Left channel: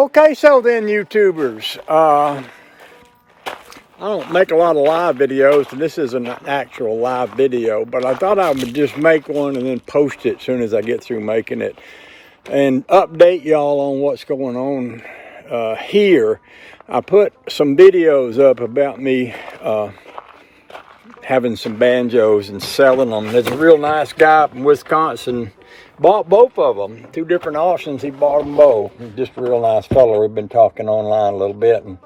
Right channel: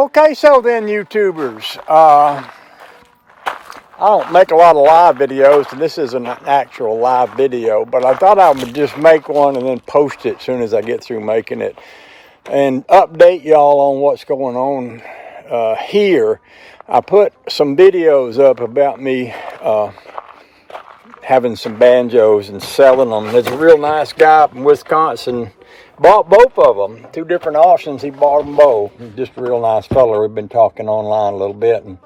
Okay, so then YouTubers, I don't make a lot of live videos, and this isn't an actual live video, but I thought I would just make one and then post it as soon as I get through making it and update y'all on what's going on here. I put some videos up about me having some banjos and selling them. There's a real nice guy up in Wisconsin, bought both of them, 2 different auctions. He bought them both. He's just a real nice fellow. We've been talking online a little bit, and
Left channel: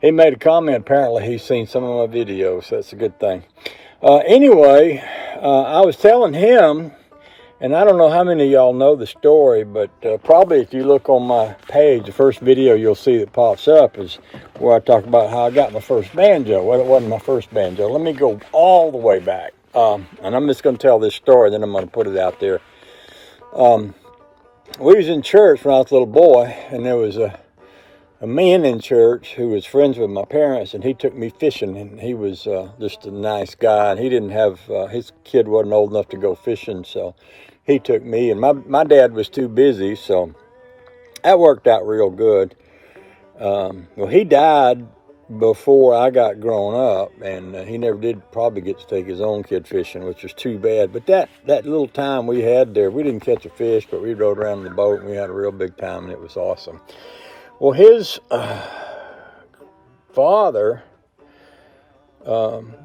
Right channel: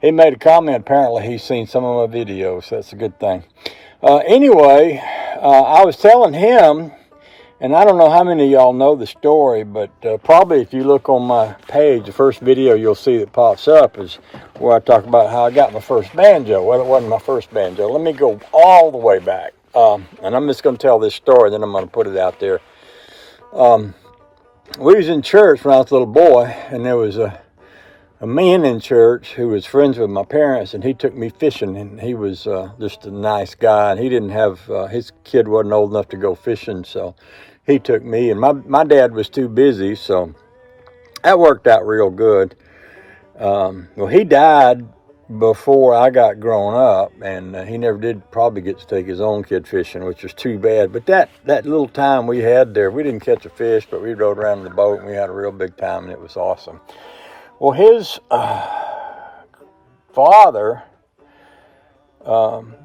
he made a comment. Apparently he's seen some of my videos, so that's a good thing. Anyway, I was telling him, and I don't know how many of y'all know the story, but probably if you look on my page, the first video you'll see that pops up is where I talk about how I got my first banjo. Well, it wasn't my first banjo. Let me go all the way back. And I'm just going to tell this story, then I'm going to put it out there. We was in church when I was a little boy, and there was a man in church who was friends with my parents, and he took me fishing, and he was just a nice guy, and he didn't have, his kid wasn't old enough to go fishing, so he took me, and my dad was too busy, so that worked out real good. Well, he died before I got grown up, and he never did probably get to take his own kid fishing, which was too bad. But that little time we had there, we didn't catch a fish, but we rode around in the boat, and we had a real big time, and it was awesome. Well, his father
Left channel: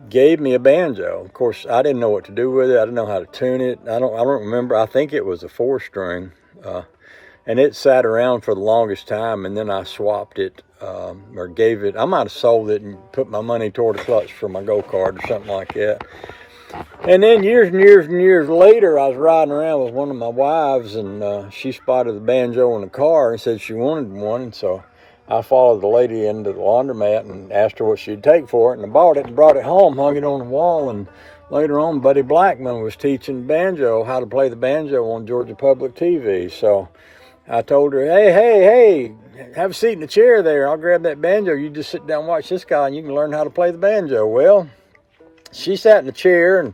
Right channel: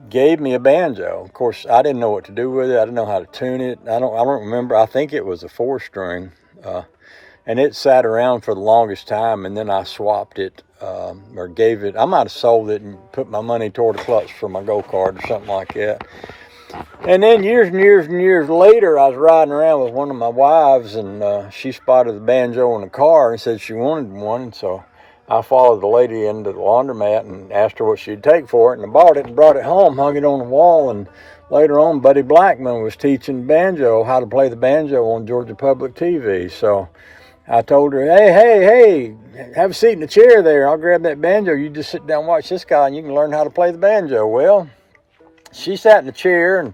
gave me a banjo. Of course, I didn't know what to do with it. I didn't know how to tune it. I don't remember. I think it was a 4-string, and it sat around for the longest time. And then I swapped it or gave it. I might have sold it and put my money toward a clutch for my go-kart or something like that. And then years and years and years later, I was riding around with one of my wives, and she spotted the banjo in the car and said she wanted one. And so I followed the lady into the laundromat and asked her what she'd take for it, and I bought it and brought it home, hung it on the wall, and later on, Buddy Blackman was teaching banjo, how to play the banjo on Georgia Public TV. So I told her, hey, have a seat in the chair there. I'll grab that banjo. You just sit down and watch this guy, and you can learn how to play the banjo. Well, she sat in the chair, and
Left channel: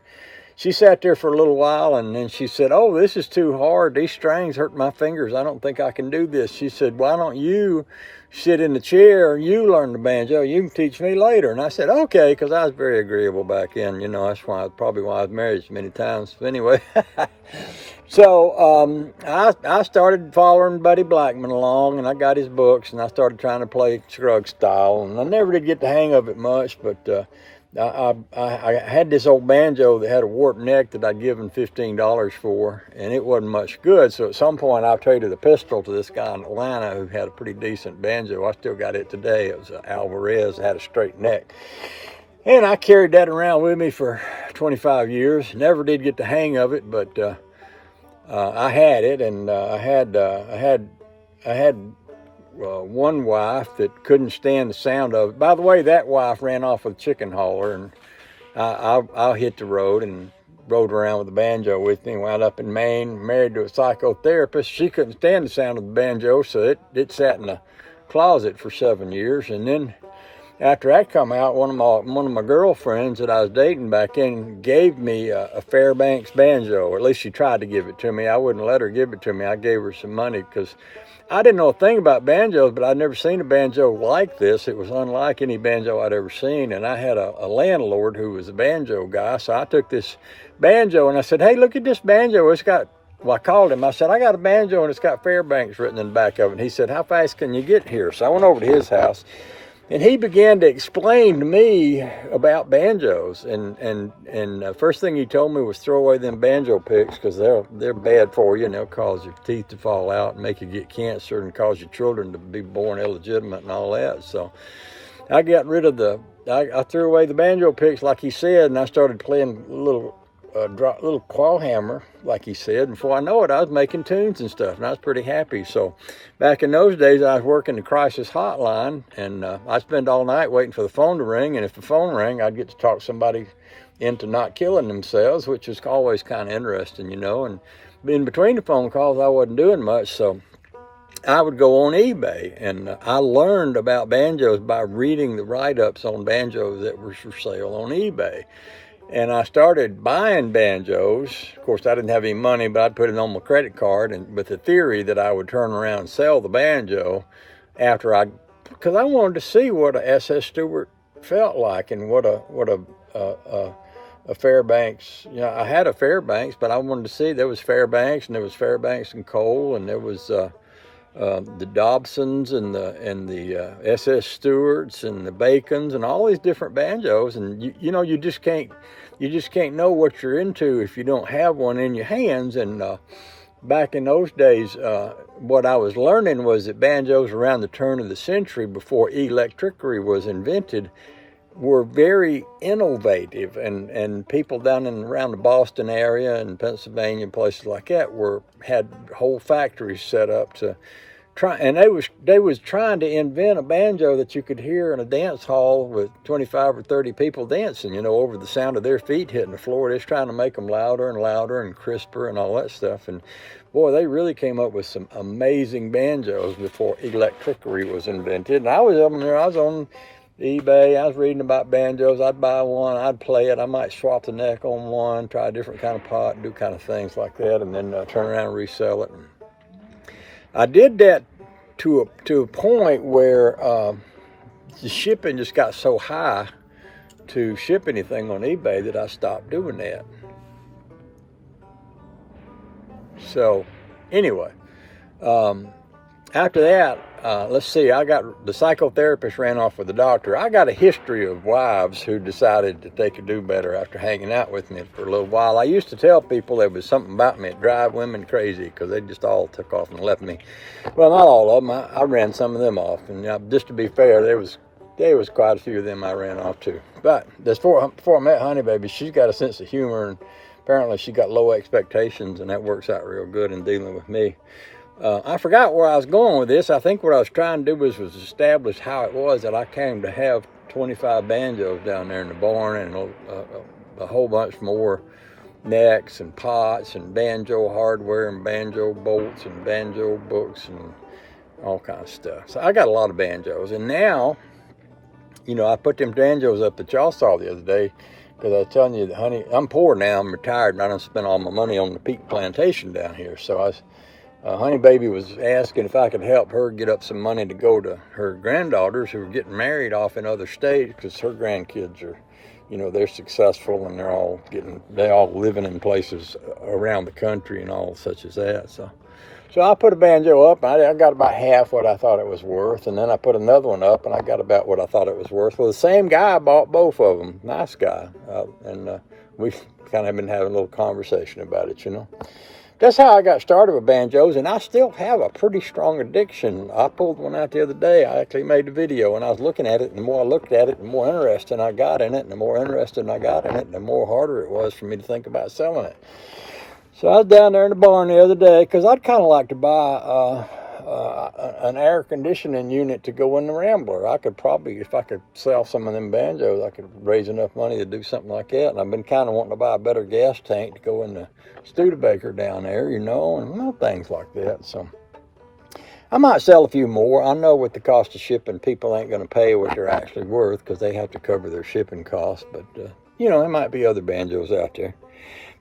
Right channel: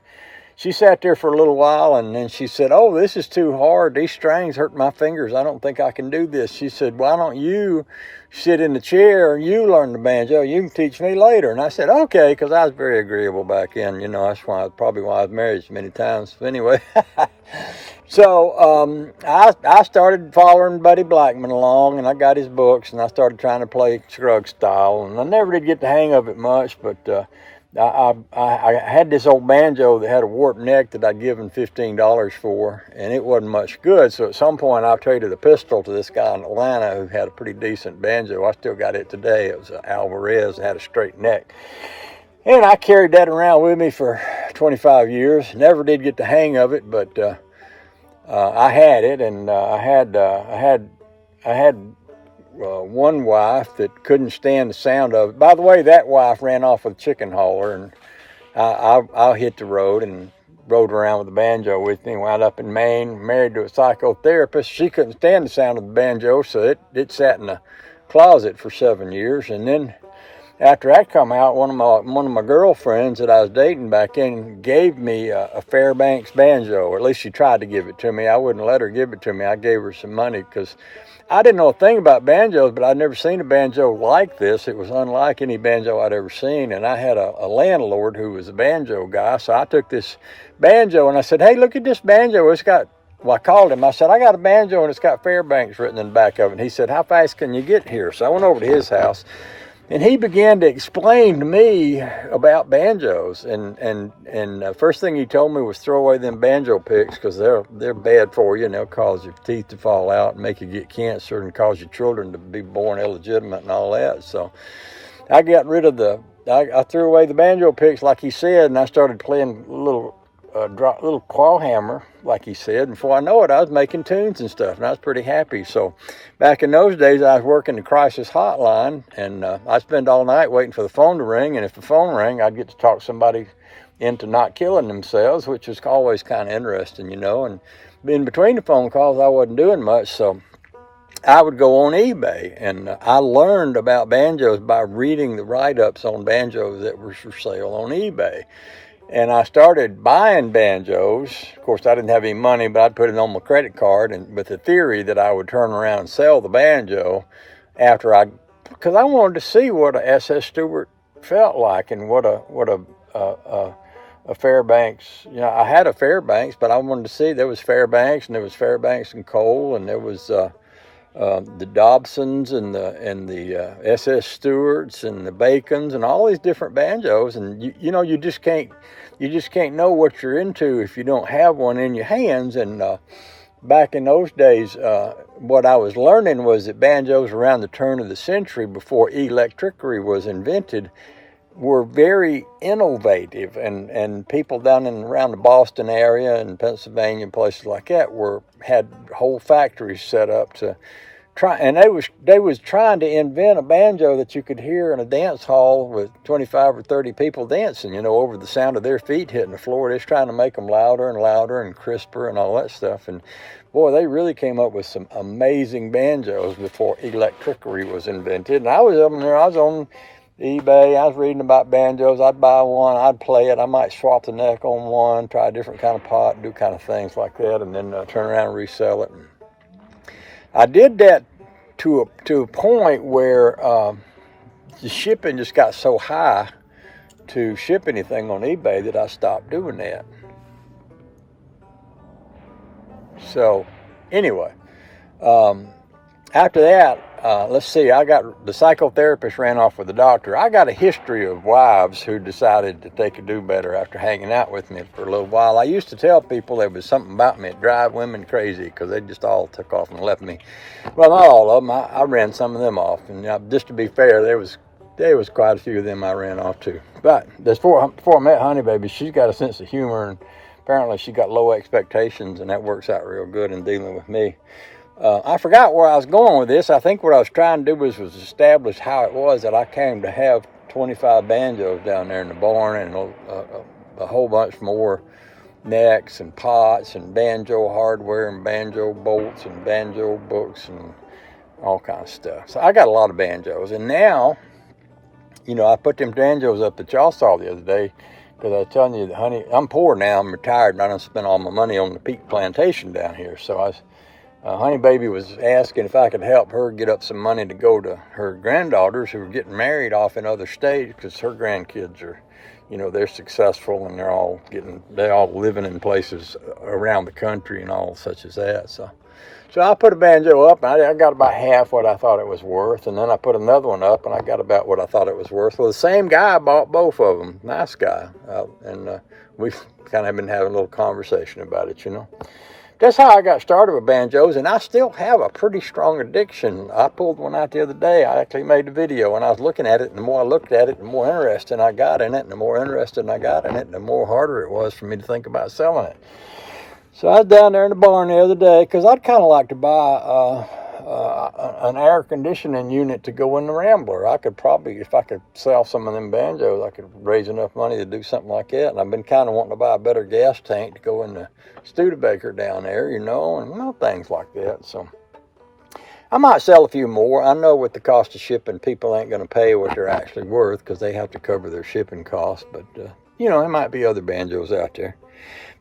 she sat there for a little while, and then she said, oh, this is too hard. These strings hurt my fingers. I don't think I can do this. She said, why don't you sit in the chair and you learn the banjo? You can teach me later. And I said, okay, because I was very agreeable back then. You know, that's probably why I was married so many times. But anyway, so I started following Buddy Blackman along, and I got his books, and I started trying to play Scruggs style. And I never did get the hang of it much, but I had this old banjo that had a warped neck that I'd given $15 for, and it wasn't much good. So at some point, I traded the pistol to this guy in Atlanta who had a pretty decent banjo. I still got it today. It was an Alvarez and had a straight neck. And I carried that around with me for 25 years. Never did get the hang of it, but I had it, and I had one wife that couldn't stand the sound of it. By the way, that wife ran off with a chicken hauler, and I hit the road and rode around with the banjo with me. Wound up in Maine, married to a psychotherapist. She couldn't stand the sound of the banjo, so it sat in the closet for 7 years. And then after that come out, one of my girlfriends that I was dating back then gave me a Fairbanks banjo, or at least she tried to give it to me. I wouldn't let her give it to me. I gave her some money because I didn't know a thing about banjos, but I'd never seen a banjo like this. It was unlike any banjo I'd ever seen, and I had a landlord who was a banjo guy, so I took this banjo, and I said, hey, look at this banjo. It's got, well, I called him. I said, I got a banjo, and it's got Fairbanks written in the back of it. And he said, how fast can you get here? So I went over to his house, and he began to explain to me about banjos. And first thing he told me was throw away them banjo picks because they're bad for you, and they'll cause your teeth to fall out and make you get cancer and cause your children to be born illegitimate and all that. So I got rid of I threw away the banjo picks like he said, and I started playing little claw hammer, like he said. And before I know it, I was making tunes and stuff, and I was pretty happy. So back in those days, I was working the crisis hotline, and I'd spend all night waiting for the phone to ring. And if the phone rang, I'd get to talk somebody into not killing themselves, which was always kind of interesting, you know. And in between the phone calls, I wasn't doing much, so I would go on eBay, and I learned about banjos by reading the write-ups on banjos that were for sale on eBay. And I started buying banjos. Of course, I didn't have any money, but I'd put it on my credit card, and with the theory that I would turn around and sell the banjo after because I wanted to see what a SS Stewart felt like and what a Fairbanks. You know, I had a Fairbanks, but I wanted to see there was Fairbanks and there was Fairbanks and Cole and there was the Dobsons and the SS Stewarts and the Bacons and all these different banjos. And you know, you just can't know what you're into if you don't have one in your hands. And back in those days, what I was learning was that banjos around the turn of the century, before electricity was invented, were very innovative, and people down and around the Boston area and Pennsylvania and places like that had whole factories set up to try, and they was trying to invent a banjo that you could hear in a dance hall with 25 or 30 people dancing, you know, over the sound of their feet hitting the floor. They're trying to make them louder and louder and crisper and all that stuff. And boy, they really came up with some amazing banjos before electricity was invented. And I was up there, I was on eBay, I was reading about banjos. I'd buy one, I'd play it, I might swap the neck on one, try a different kind of pot, do kind of things like that, and then turn around and resell it. And I did that to a point where the shipping just got so high to ship anything on eBay that I stopped doing that. So anyway, after that, let's see, the psychotherapist ran off with the doctor. I got a history of wives who decided that they could do better after hanging out with me for a little while. I used to tell people there was something about me that drive women crazy because they just all took off and left me. Well, not all of them. I ran some of them off. And just to be fair, there was quite a few of them I ran off to. But before I met Honey Baby, she's got a sense of humor, and apparently she got low expectations, and that works out real good in dealing with me. I forgot where I was going with this. I think what I was trying to do was establish how it was that I came to have 25 banjos down there in the barn, and a whole bunch more necks and pots and banjo hardware and banjo bolts and banjo books and all kinds of stuff. So I got a lot of banjos. And now, you know, I put them banjos up that y'all saw the other day because I was telling you that, honey, I'm poor now. I'm retired, and I don't spend all my money on the peak plantation down here. So Honey Baby was asking if I could help her get up some money to go to her granddaughters who are getting married off in other states, because her grandkids are, you know, they're successful and they're all living in places around the country and all such as that. So I put a banjo up, and I got about half what I thought it was worth, and then I put another one up, and I got about what I thought it was worth. Well, the same guy bought both of them, nice guy, and we've kind of been having a little conversation about it, you know. That's how I got started with banjos, and I still have a pretty strong addiction. I pulled one out the other day. I actually made a video, and I was looking at it, and the more I looked at it, the more interested I got in it, and the more interested I got in it, and the more harder it was for me to think about selling it. So I was down there in the barn the other day, because I'd kind of like to buy an air conditioning unit to go in the Rambler. I could probably, if I could sell some of them banjos, I could raise enough money to do something like that. And I've been kind of wanting to buy a better gas tank to go in the Studebaker down there, you know, and little things like that. So I might sell a few more. I know with the cost of shipping, people ain't going to pay what they're actually worth because they have to cover their shipping costs. But, you know, there might be other banjos out there.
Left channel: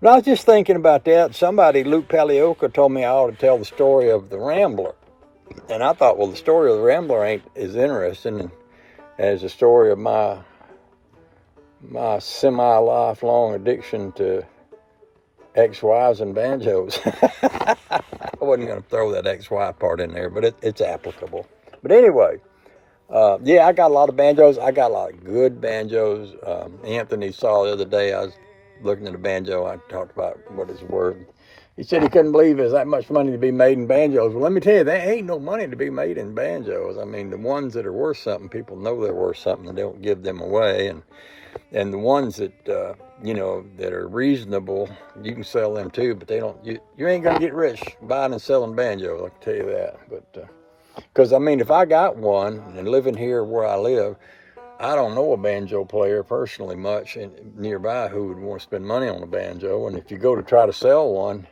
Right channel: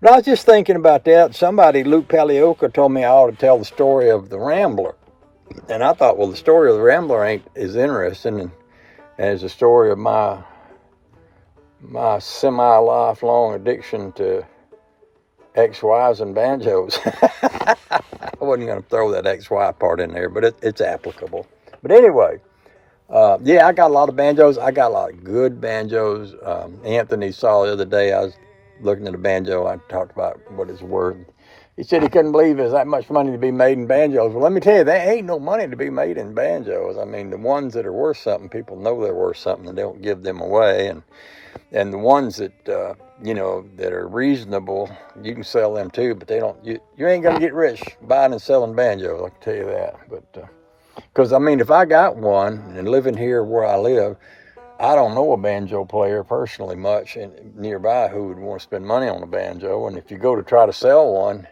But I was just thinking about that. Somebody, Luke Palioka, told me I ought to tell the story of the Rambler. And I thought, well, the story of the Rambler ain't as interesting as the story of my semi-lifelong addiction to ex-wives and banjos. I wasn't going to throw that ex-wife part in there, but it's applicable. But anyway, yeah, I got a lot of banjos. I got a lot of good banjos. Anthony saw the other day, I was looking at a banjo. I talked about what it's worth. He said he couldn't believe there's that much money to be made in banjos. Well, let me tell you, there ain't no money to be made in banjos. I mean, the ones that are worth something, people know they're worth something, and they don't give them away. And the ones that, you know, that are reasonable, you can sell them too, but they don't, you ain't going to get rich buying and selling banjos, I can tell you that. But, because, I mean, if I got one and living here where I live, I don't know a banjo player personally much and nearby who would want to spend money on a banjo. And if you go to try to sell one,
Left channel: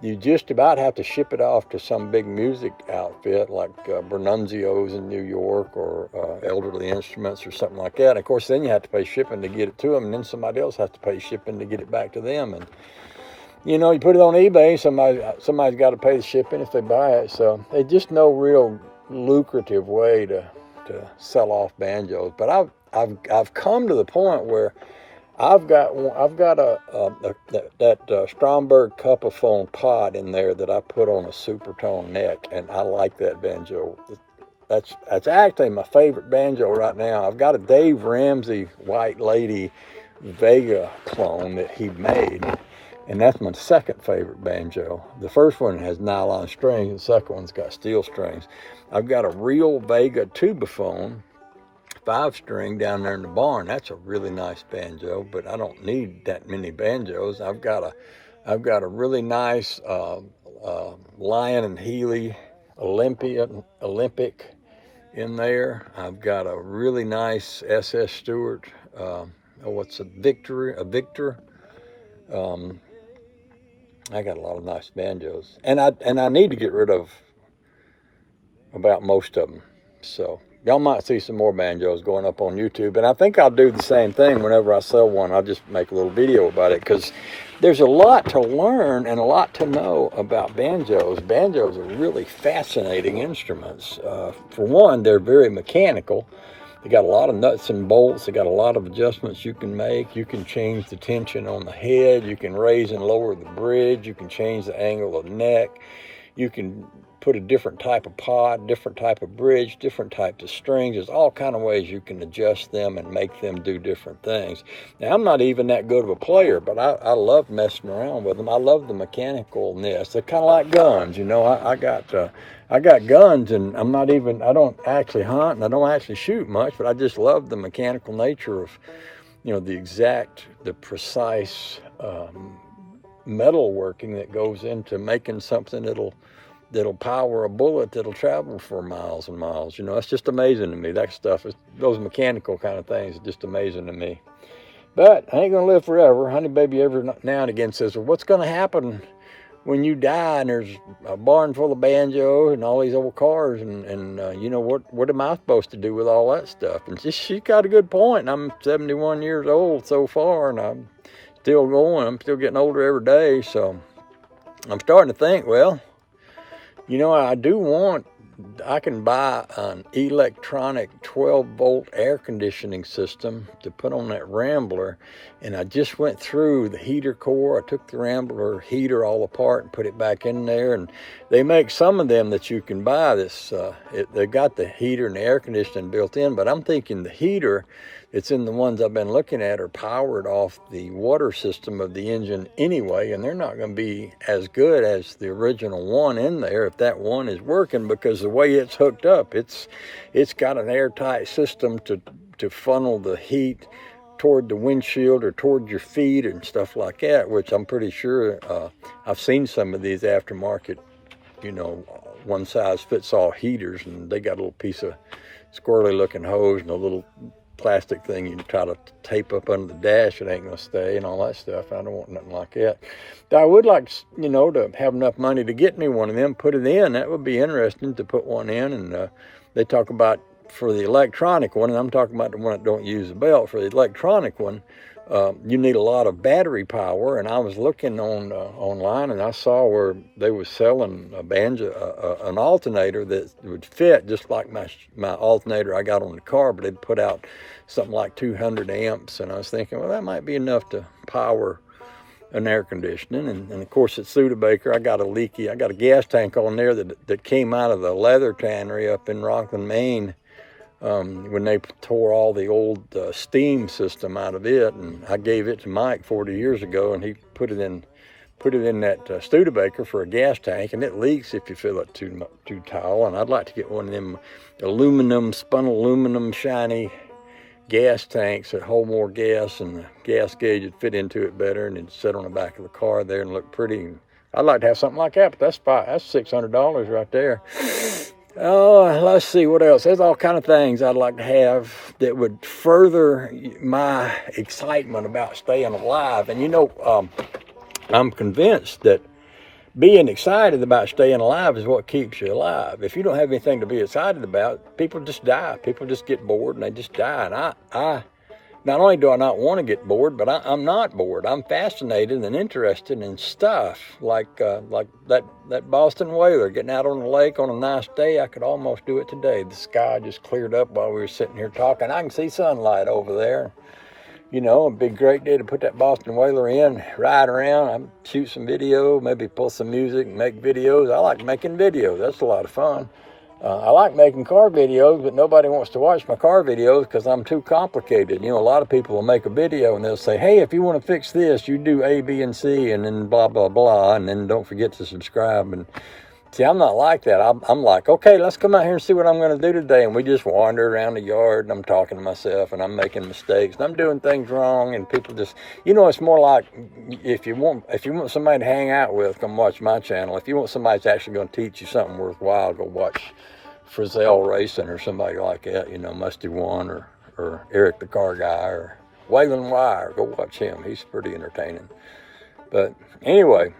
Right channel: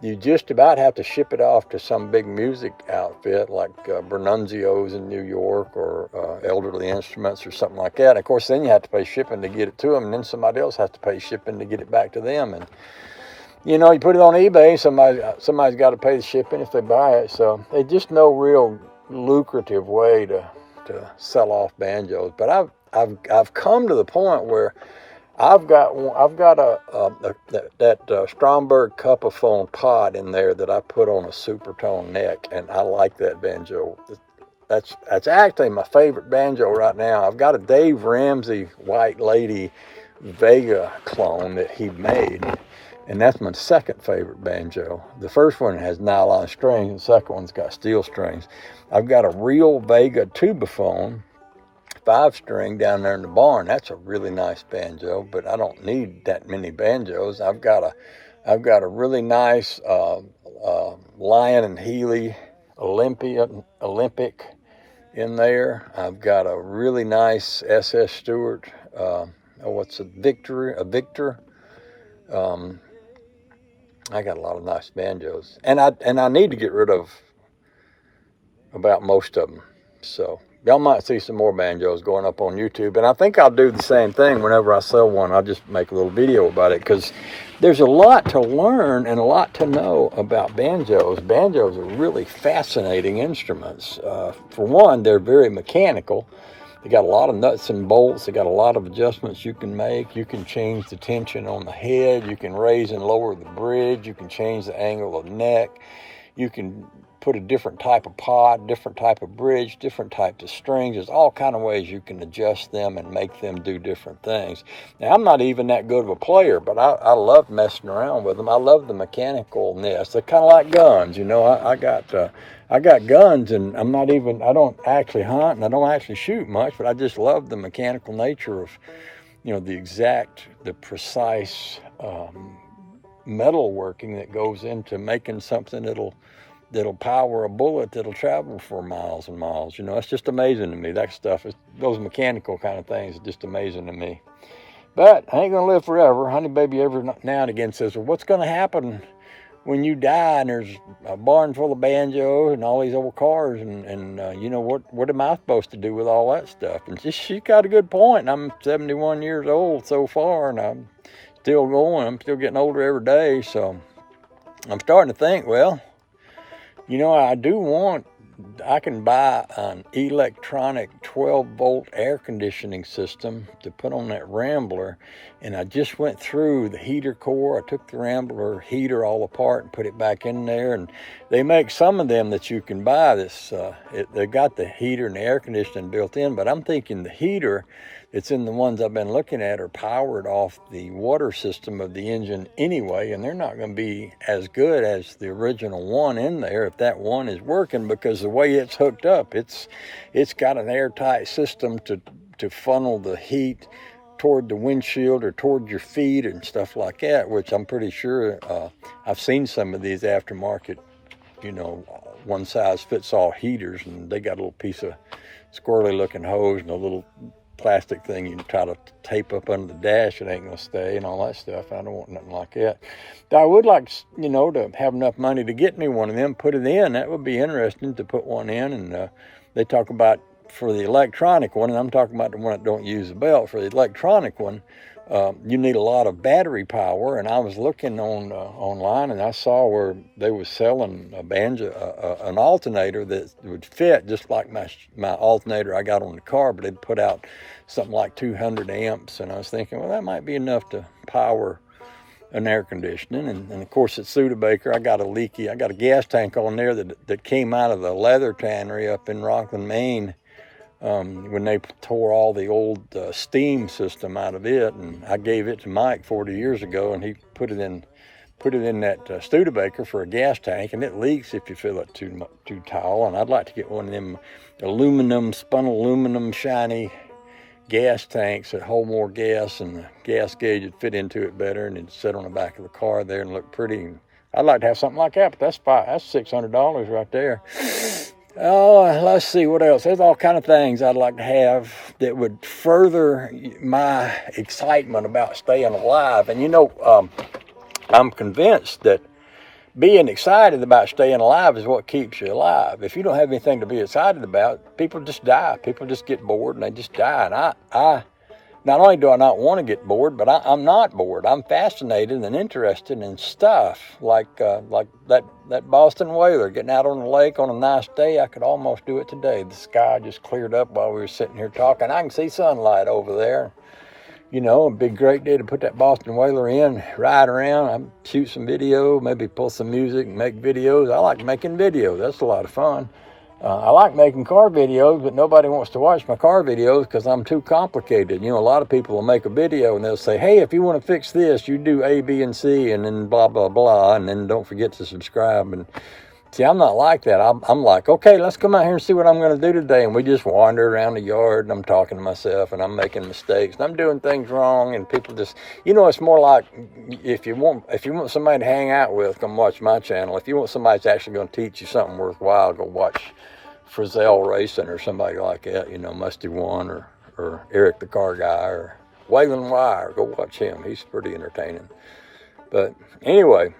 you just about have to ship it off to some big music outfit like Bernunzio's in New York or Elderly Instruments or something like that. And of course, then you have to pay shipping to get it to them, and then somebody else has to pay shipping to get it back to them. And, you know, you put it on eBay, somebody's got to pay the shipping if they buy it. So there's just no real lucrative way to sell off banjos. But I've come to the point where I've got that Stromberg Cupiphone pod in there that I put on a supertone neck, and I like that banjo. That's actually my favorite banjo right now. I've got a Dave Ramsey White Lady Vega clone that he made, and that's my second favorite banjo. The first one has nylon strings, and the second one's got steel strings. I've got a real Vega tubaphone 5-string down there in the barn. That's a really nice banjo, but I don't need that many banjos. I've got a really nice Lion and Healy Olympic in there. I've got a really nice SS Stewart. What's a Victor? I got a lot of nice banjos, and I need to get rid of about most of them. So y'all might see some more banjos going up on YouTube, and I think I'll do the same thing whenever I sell one. I'll just make a little video about it, because there's a lot to learn and a lot to know about banjos. Banjos are really fascinating instruments. For one, they're very mechanical. They got a lot of nuts and bolts. They got a lot of adjustments you can make. You can change the tension on the head. You can raise and lower the bridge. You can change the angle of the neck. You can put a different type of pod, different type of bridge, different types of strings. There's all kind of ways you can adjust them and make them do different things. Now, I'm not even that good of a player, but I love messing around with them. I love the mechanicalness. They're kind of like guns, you know. I got guns, and I don't actually hunt, and I don't actually shoot much, but I just love the mechanical nature of, you know, the precise metal working that goes into making something that'll power a bullet that'll travel for miles and miles. You know, it's just amazing to me. That stuff, those mechanical kind of things are just amazing to me. But I ain't gonna live forever. Honey Baby every now and again says, well, what's gonna happen when you die and there's a barn full of banjos and all these old cars, and you know, what am I supposed to do with all that stuff? And she got a good point. I'm 71 years old so far, and I'm still going. I'm still getting older every day, so I'm starting to think, well, you know, I can buy an electronic 12-volt air conditioning system to put on that Rambler, and I just went through the heater core. I took the Rambler heater all apart and put it back in there, and they make some of them that you can buy they've got the heater and the air conditioning built in, but I'm thinking the heater that's in the ones I've been looking at are powered off the water system of the engine anyway, and they're not going to be as good as the original one in there if that one is working, because the way it's hooked up, it's got an airtight system to funnel the heat toward the windshield or toward your feet and stuff like that, which I'm pretty sure I've seen some of these aftermarket, you know, one size fits all heaters, and they got a little piece of squirrely looking hose and a little plastic thing you can try to tape up under the dash. It ain't gonna stay and all that stuff. I don't want nothing like that. I would like, you know, to have enough money to get me one of them, put it in. That would be interesting to put one in. And they talk about, for the electronic one, and I'm talking about the one that don't use a belt, for the electronic one, you need a lot of battery power. And I was looking online, and I saw where they was selling a banjo, an alternator that would fit just like my alternator I got on the car, but they'd put out something like 200 amps. And I was thinking, well, that might be enough to power an air conditioning. And of course, at Studebaker, I got a gas tank on there that came out of the leather tannery up in Rockland, Maine, when they tore all the old steam system out of it. And I gave it to Mike 40 years ago, and he put it in that Studebaker for a gas tank, and it leaks if you fill it too tall. And I'd like to get one of them spun aluminum shiny gas tanks that hold more gas, and the gas gauge would fit into it better, and it'd sit on the back of the car there and look pretty. I'd like to have something like that, but that's $600 right there. Oh, let's see what else. There's all kind of things I'd like to have that would further my excitement about staying alive. And you know, I'm convinced that being excited about staying alive is what keeps you alive. If you don't have anything to be excited about, people just die. People just get bored and they just die. And not only do I not want to get bored, but I'm not bored. I'm fascinated and interested in stuff like that Boston whaler getting out on the lake on a nice day. I could almost do it today. The sky just cleared up while we were sitting here talking. I can see sunlight over there. You know, it'd be a great day to put that Boston whaler in, ride around, shoot some video, maybe pull some music, make videos. I like making videos. That's a lot of fun. I like making car videos, but nobody wants to watch my car videos because I'm too complicated. You know, a lot of people will make a video and they'll say, hey, if you want to fix this, you do A, B, and C, and then blah, blah, blah, and then don't forget to subscribe. And see, I'm not like that. I'm like, okay, let's come out here and see what I'm going to do today. And we just wander around the yard, and I'm talking to myself, and I'm making mistakes, and I'm doing things wrong, and people just, you know, it's more like if you want somebody to hang out with, come watch my channel. If you want somebody that's actually going to teach you something worthwhile, go watch Frizzell Racing or somebody like that, you know, Musty One or Eric the Car Guy or Waylon Wire. Go watch him. He's pretty entertaining. But anyway,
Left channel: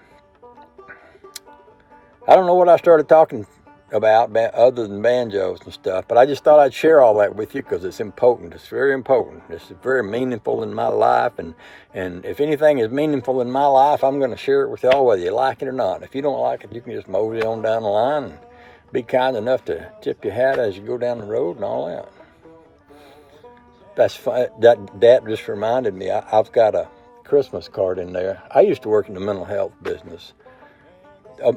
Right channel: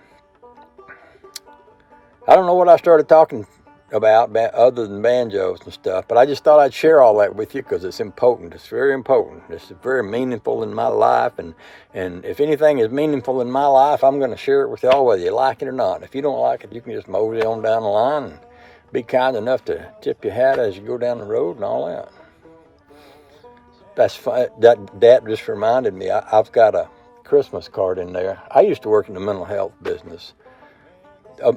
I don't know what I started talking about other than banjos and stuff, but I just thought I'd share all that with you because it's important. It's very important. It's very meaningful in my life, and if anything is meaningful in my life, I'm going to share it with y'all whether you like it or not. If you don't like it, you can just mosey on down the line and be kind enough to tip your hat as you go down the road and all that. That's fun. That just reminded me, I've got a Christmas card in there. I used to work in the mental health business.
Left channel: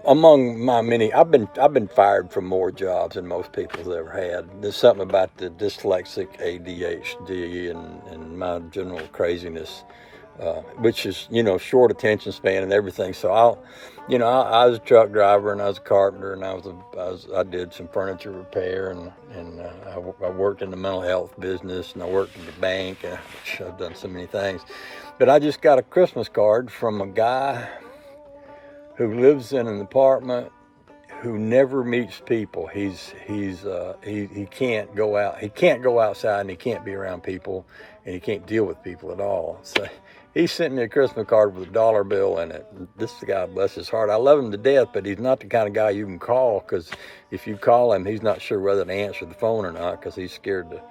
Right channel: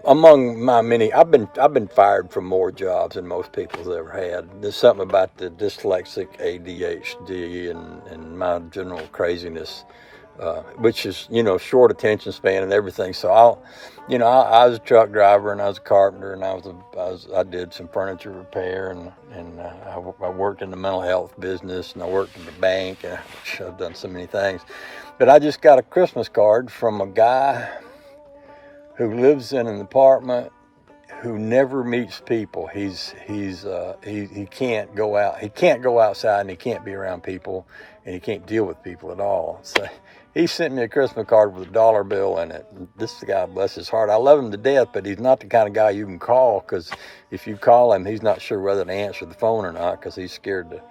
Among my many, I've been fired from more jobs than most people's ever had. There's something about the dyslexic ADHD and my general craziness, which is, you know, short attention span and everything. So I was a truck driver and I was a carpenter and I did some furniture repair and I worked in the mental health business and I worked in the bank and I've done so many things. But I just got a Christmas card from a guy who lives in an apartment, who never meets people. He can't go out. He can't go outside, and he can't be around people, and he can't deal with people at all. So he sent me a Christmas card with a dollar bill in it. This guy, bless his heart, I love him to death, but he's not the kind of guy you can call, because if you call him, he's not sure whether to answer the phone or not, because he's scared the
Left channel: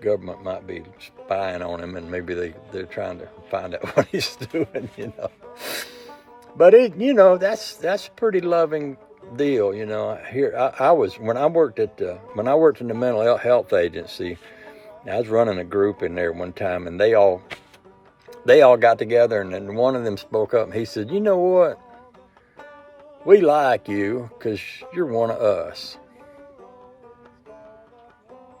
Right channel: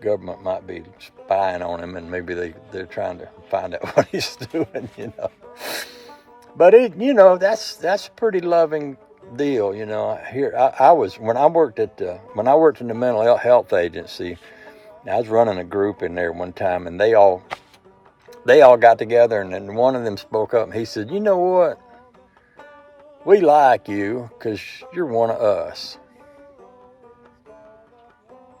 government might be spying on him, and maybe they're trying to find out what he's doing, you know. But that's a pretty loving deal, you know. Here I was when I worked in the mental health agency. I was running a group in there one time, and they all got together, and then one of them spoke up, and he said, "You know what? We like you because you're one of us."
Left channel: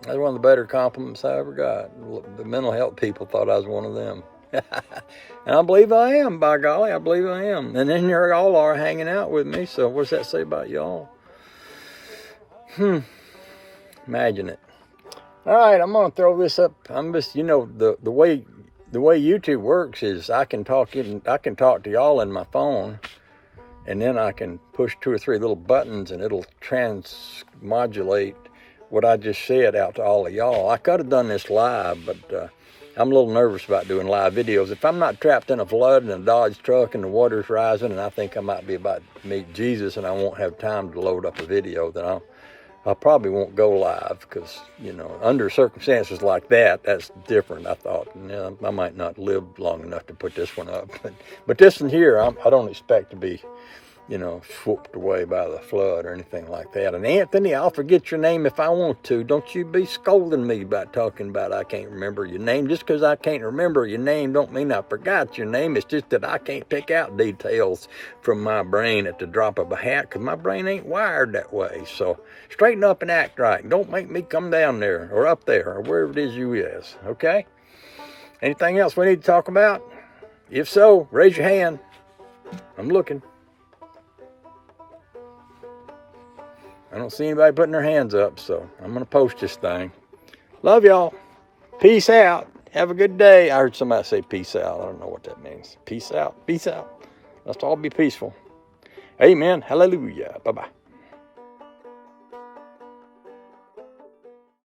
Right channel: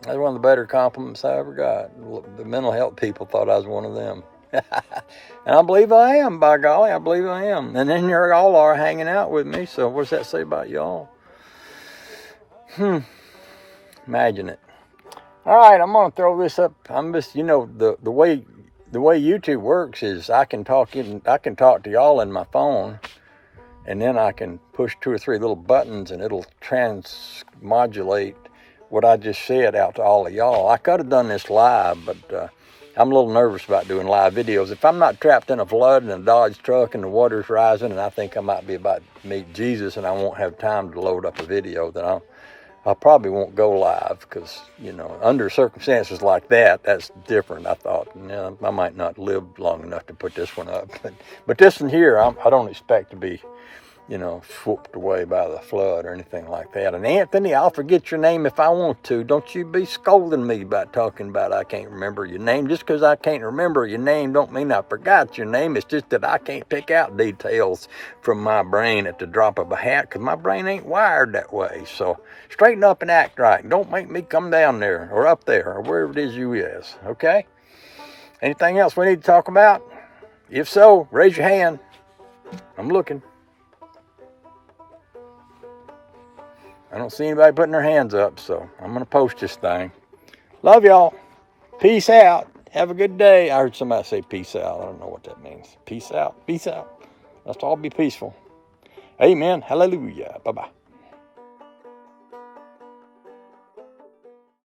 That's one of the better compliments I ever got. The mental health people thought I was one of them. And I believe I am, by golly, I believe I am. And then you all are hanging out with me, so what does that say about y'all? Imagine it. All right, I'm going to throw this up. I'm just, you know, the way YouTube works is I can talk to y'all in my phone, and then I can push 2 or 3 little buttons, and it'll transmodulate what I just said out to all of y'all. I could have done this live, but I'm a little nervous about doing live videos. If I'm not trapped in a flood and a Dodge truck and the water's rising and I think I might be about to meet Jesus and I won't have time to load up a video, then I probably won't go live, because, you know, under circumstances like that, that's different. I thought, I might not live long enough to put this one up. But this one here, I don't expect to be, you know, swooped away by the flood or anything like that. And Anthony, I'll forget your name if I want to. Don't you be scolding me about talking about I can't remember your name. Just because I can't remember your name don't mean I forgot your name. It's just that I can't pick out details from my brain at the drop of a hat, because my brain ain't wired that way. So straighten up and act right. Don't make me come down there or up there or wherever it is you is, okay? Anything else we need to talk about? If so, raise your hand. I'm looking. I don't see anybody putting their hands up, so I'm going to post this thing. Love y'all. Peace out. Have a good day. I heard somebody say peace out. I don't know what that means. Peace out. Peace out. Let's all be peaceful. Amen. Hallelujah. Bye-bye.